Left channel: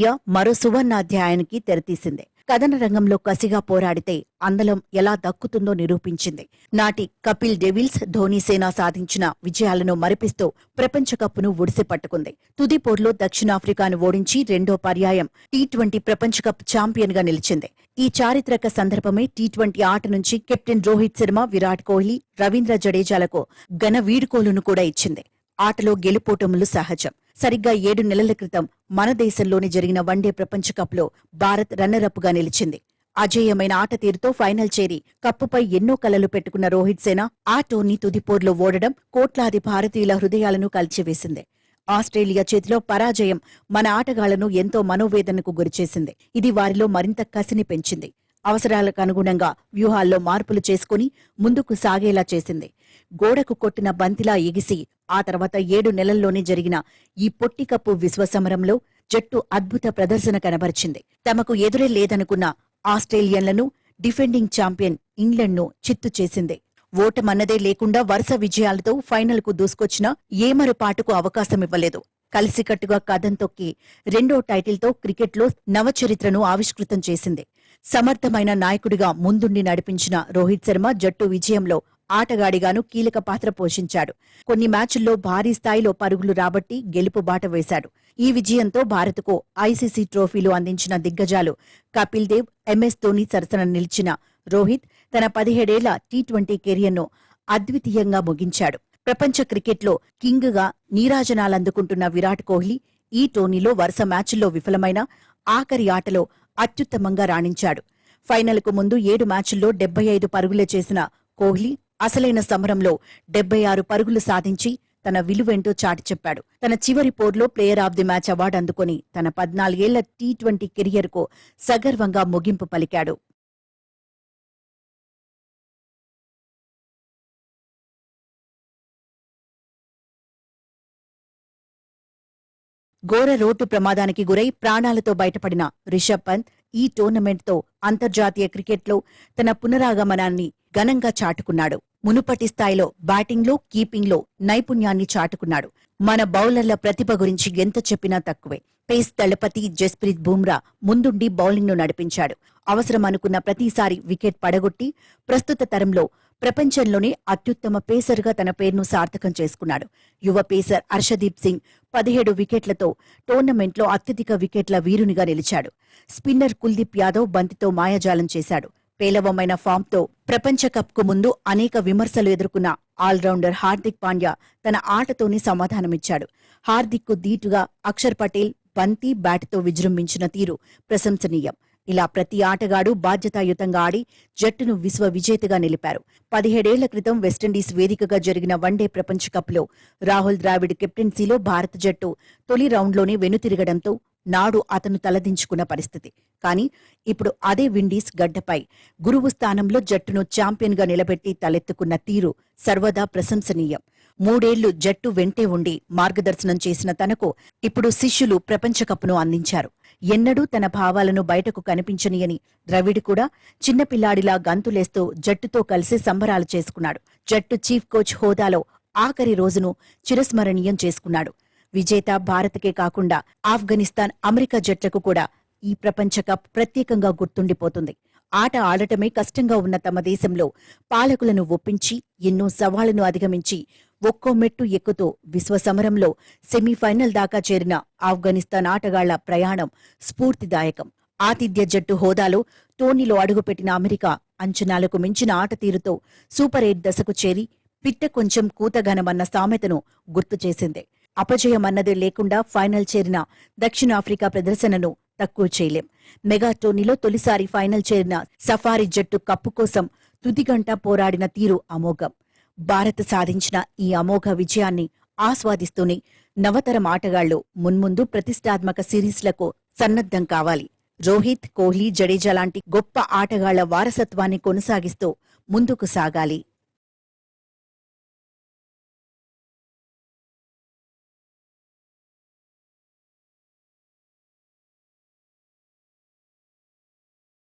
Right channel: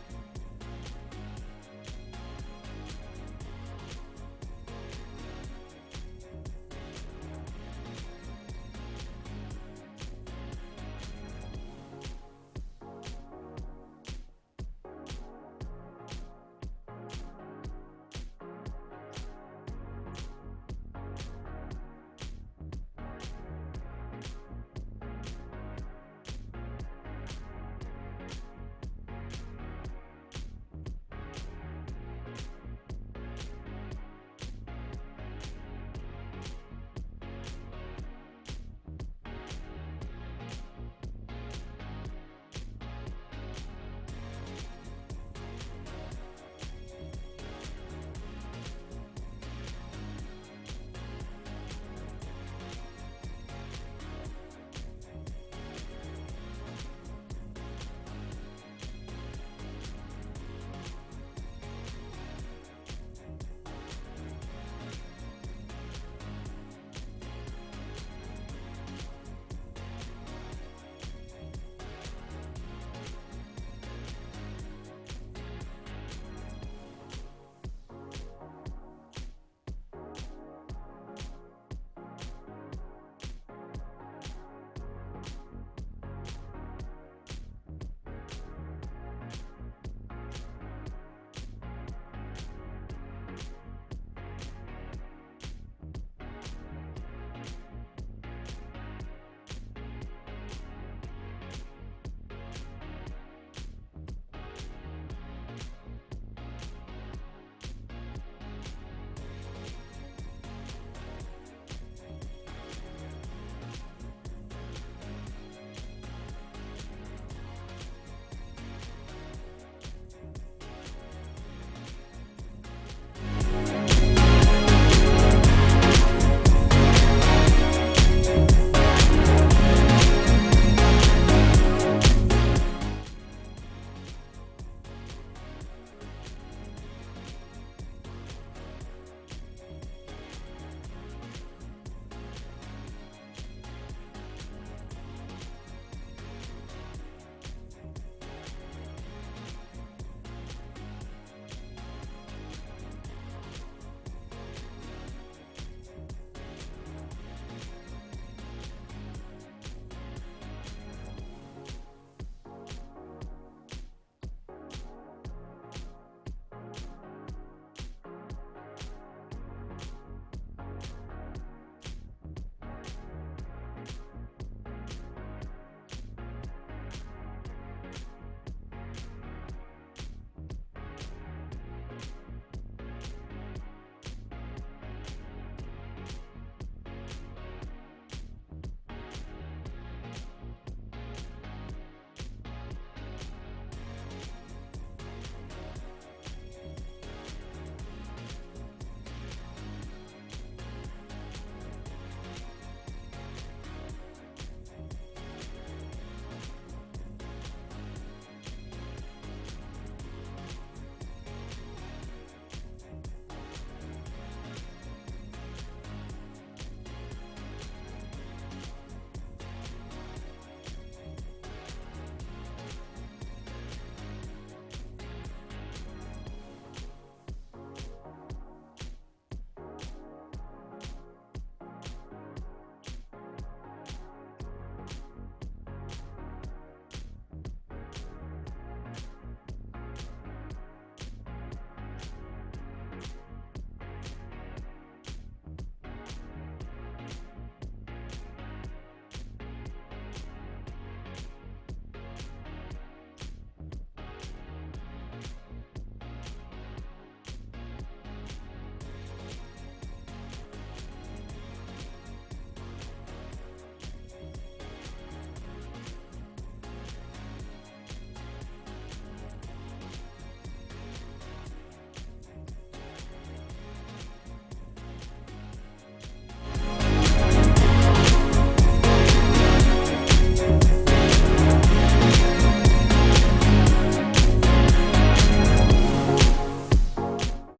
Team India మరో సువర్ణాధ్యాయానికి తెరతీసింది. కథన రంగంలో కసిగా పోరాడితే అందలం ఎలా దక్కుతుందో నిరూపించింది. నాటి కపిల్ డెవిల్స్, ధోనీ సేన సాధించిన విజయాలను మరిపిస్తూ ప్రపంచ కప్ను ఒడిసి పట్టుకుంది. తుది పోరులో దక్షిణాఫ్రికాను ఓడించి రెండో పర్యాయం టీ20 ప్రపంచ కప్ ఛాంపియన్ గా నిలిచింది. ఈ చారిత్రక సందర్భమే టీ20 ఆట నుంచి కెప్టెన్ రోహిత్ శర్మ, విరాట్ కోహ్లీ, రవీంద్ర జడేజాలకు ఘన వీడ్కోలును కూడా ఇచ్చింది. ఆటలో గెలుపోటములు సహజం. సరిగ్గా 7 నెలల క్రితం మన దేశంలోని జరిగిన వన్డే ప్రపంచ కప్లో భారత్ రన్నరప్ గా నిలిచింది. అజేయమైన ఆట తీరుతో ఫైనల్ చేరి కప్పుపై ఎన్నో కలలు పెట్టుకున్న రోహిత్ సేన ఆ టోర్నీ తుదిపోర్లో ఓడడం కోట్లాది భారతీయుల హృదయాలను కలిచివేసింది. ఆస్ట్రేలియా చేతిలో పరాజయం మన ఆటగాళ్లను ఎంతో మనోవేదనకు గురిచేసింది. ఇది వారిలో మరింత కసిని పెంచింది. అవసరాలకు అనుగుణంగా వ్యూహాల్లో మార్పులు చేసుకుని ముందుకు సాగేలా చేసింది. గోడకు కొట్టిన బంతిలా ఎగిసి ఆ తర్వాత 7 నెలల్లోనే జరిగిన ఈ పొట్టి కప్పు విశ్వసమరంలో జట్టు అద్భుత ప్రదర్శన కనబరిచింది. తమకు ఎదురే లేదనుకున్న ఆస్ట్రేలియన్లను, డిఫెండింగ్ ఛాంపియన్ ఇంగ్లండ్ను చిత్తు చేసింది. ఓటమన్నదే లేకుండా వరుస విజయాలతో ఫైనల్కు దూసుకొచ్చినా ఏమరుపాటుకు అవకాశమివ్వలేదు. కలిసికట్టుగా కదం తొక్కి రెండో టైటిల్తో క్రికెట్లో నవచరిత్రను ఆవిష్కృతం చేసింది. సమర్థమైన నాయకుడిగా ముందుండి నడిపించిన రోహిత్ శర్మ జట్టు విజయంలో ఆటగాడిగాను కీలక పాత్ర పోషించాడు. కొన్ని మ్యాచుల్లో భారీ స్థాయిలో పరుగులు రాబట్టి గెలుపు బాట వేశాడు. ఈ విజయంతో భారత్కు ఐసీసీ ట్రోఫీలు అందించిన దిగ్గజాలు కపిల్ దేవ్, ఎంఎస్ ధోనీ సరసన నిలిచిన రోహిత్ తన 17 ఏళ్ల టీ20 కెరియర్ను అద్వితీయంగా ముగించాడు. ప్రపంచ క్రికెట్లో కింగ్ గా నీరాజనాలందుకుంటున్న విరాట్ కోహ్లీ ఈ టోర్నీలో వరుస మ్యాచుల్లో విఫలమైన ఆఖరి ఆటలో అత్యుత్తమంగా రాణించాడు. ఫైనల్కు ముందు 7 మ్యాచుల్లో 75 పరుగులే చేసిన కోహ్లీ అసలైన సమరంలో 76 పరుగులు సాధించి తన విలువేంటో చాటి చెప్పాడు. తన చివరి పోర్లో player of the match award అందుకుని తన 14 ఏళ్ల టీ20 కెరియర్కు సగర్వంగా ముగింపు పలికాడు. ఘోర రోడ్డు ప్రమాదానికి గురై ప్రాణాలతో బయటపడిన రిషబ్ పంత్ ఈ టోర్నమెంట్తో అంతర్జాతీయ క్రికెట్లో తన పునరాగమనాన్ని ఘనంగా చాటుకున్నాడు. మునుపటి స్థాయిలో బ్యాటింగ్లో, కీపింగ్లో నైపుణ్యాన్ని చాటుకున్నాడు. మన బౌలర్ల ప్రతిభ గురించి ఎంత చెప్పినా తక్కువే. పేస్ దళపతి జస్ప్రీత్ బుమ్రా ముందుండి బౌలింగ్ను నడిపించాడు. అవసరం అనుకున్న ప్రతిసారి వికెట్ పడగొట్టి ప్రస్తుత తరంలో ప్రపంచంలోనే అత్యుత్తమ పేసర్గా తన పేరును సార్థకం చేసుకున్నాడు. యువ పేసర్ హర్షదీప్ సింగ్ 17 వికెట్లతో టోర్నమెంట్లో అత్యధిక వికెట్ల వీరునిగా నిలిచాడు. స్పిన్నర్ కుల్దీప్ యాదవ్ బంతితో మాయాజాలం చేశాడు. పేలవమైన ఫామ్తో ప్రపంచ కప్కు ముందు అనేక విమర్శలు ఎదుర్కొన్న ఆల్రౌండర్ హార్దిక్ పాండ్యా తన ఆటతోనే సమాధానమిచ్చాడు. హార్దిక్కు దీటుగా అక్షర్ పటేల్ బంతి, బ్యాట్తో విజృంభించిన తీరు ప్రశంసనీయం. ఇలా ప్రతి ఆటగాడు బాధ్యతాయుతంగా ఆడి జట్టును విశ్వ విజేతగా నిలిపారు. 17 ఏళ్ల క్రితం వెస్టిండీస్ వేదికగా జరిగిన వన్డే ప్రపంచ కప్లో రాహుల్ ద్రావిడ్ కెప్టెన్సీలో భారత జట్టు తొలి రౌండ్లోనే వెనుతిరగడంతో నాడు అతను తలదించుకున్న పరిస్థితి. కానీ ఇప్పుడు అదే విండీస్ గడ్డపై గురువు స్థానంలో జట్టును ఛాంపియన్గా నిలబెట్టి తలెత్తుకున్న తీరు సర్వదా ప్రశంసనీయం. 3 ఏళ్లు జట్టు వెంటే ఉండి మార్గదర్శనం చేసిన తనకు ఇప్పుడు శిష్యులు ప్రపంచ కప్ను అందించారు. ఎన్నడూ తన భావాలను బయటకు కనిపించనియని ద్రవిడ్ కూడా చిన్నపిల్లాడిలా గంతులేస్తూ జట్టుతో కలిసి సంబరాలు చేసుకున్నాడు. జట్టు చీఫ్ కోచ్ హోదాలో ఆఖరి రోజును చిరస్మరణీయం చేసుకున్నాడు. విజేత భారత్కే కాకుండా ఆఫ్ఘనిస్తాన్, అమెరికా జట్లకు కూడా ఈ ప్రపంచ కప్ ప్రత్యేకంగా గుర్తుండిపోతుంది. ఆట ఆడటమే కష్టంగా ఉన్న తమ దేశంలో పాలకులను ఒప్పించి ఎన్నో సవాళ్లను అధిగమించి ఒక్కో మెట్టు ఎక్కుతూ విశ్వసమరంలో సెమీఫైనల్ దాకా చేరిన ఆఫ్ఘనిస్తాన్ ఆటగాళ్ల ప్రయాణం స్ఫూర్తిదాయకం. ఆతిథ్య జట్టు హోదాలో టోర్నీలో అడుగుపెట్టిన అమెరికా అంచనాలకు మించిన ఆట తీరుతో సూపర్ 8 దశకు చేరి పిట్ట కొంచెం కూతగనమన్న సామెతను గుర్తు చేసింది. అపజయమన్నదే లేకుండా ఫైనల్ చేరిన దక్షిణాఫ్రికా ప్రదర్శనను తక్కువ చేయలేం. మెగా టోర్నీలో తొలిసారి ఫైనల్ చేరిన సఫారీ జట్టు కప్పు కోసం తుదిగంట పోరాడిన తీరు అమోఘం. భారత్ సాధించిన ఈ అమోఘ విజయాన్ని ఆస్వాదిస్తూనే నవతరం ఆటగాళ్లు మున్ముందు ప్రతిష్టాత్మక సిరీస్లకు సన్నద్ధం కావాలి. రోహిత్, కోహ్లీ, జడేజా లాంటి గొప్ప ఆటగాళ్ల వారసత్వాన్ని కొనసాగిస్తూ ముందుకు సాగాలి.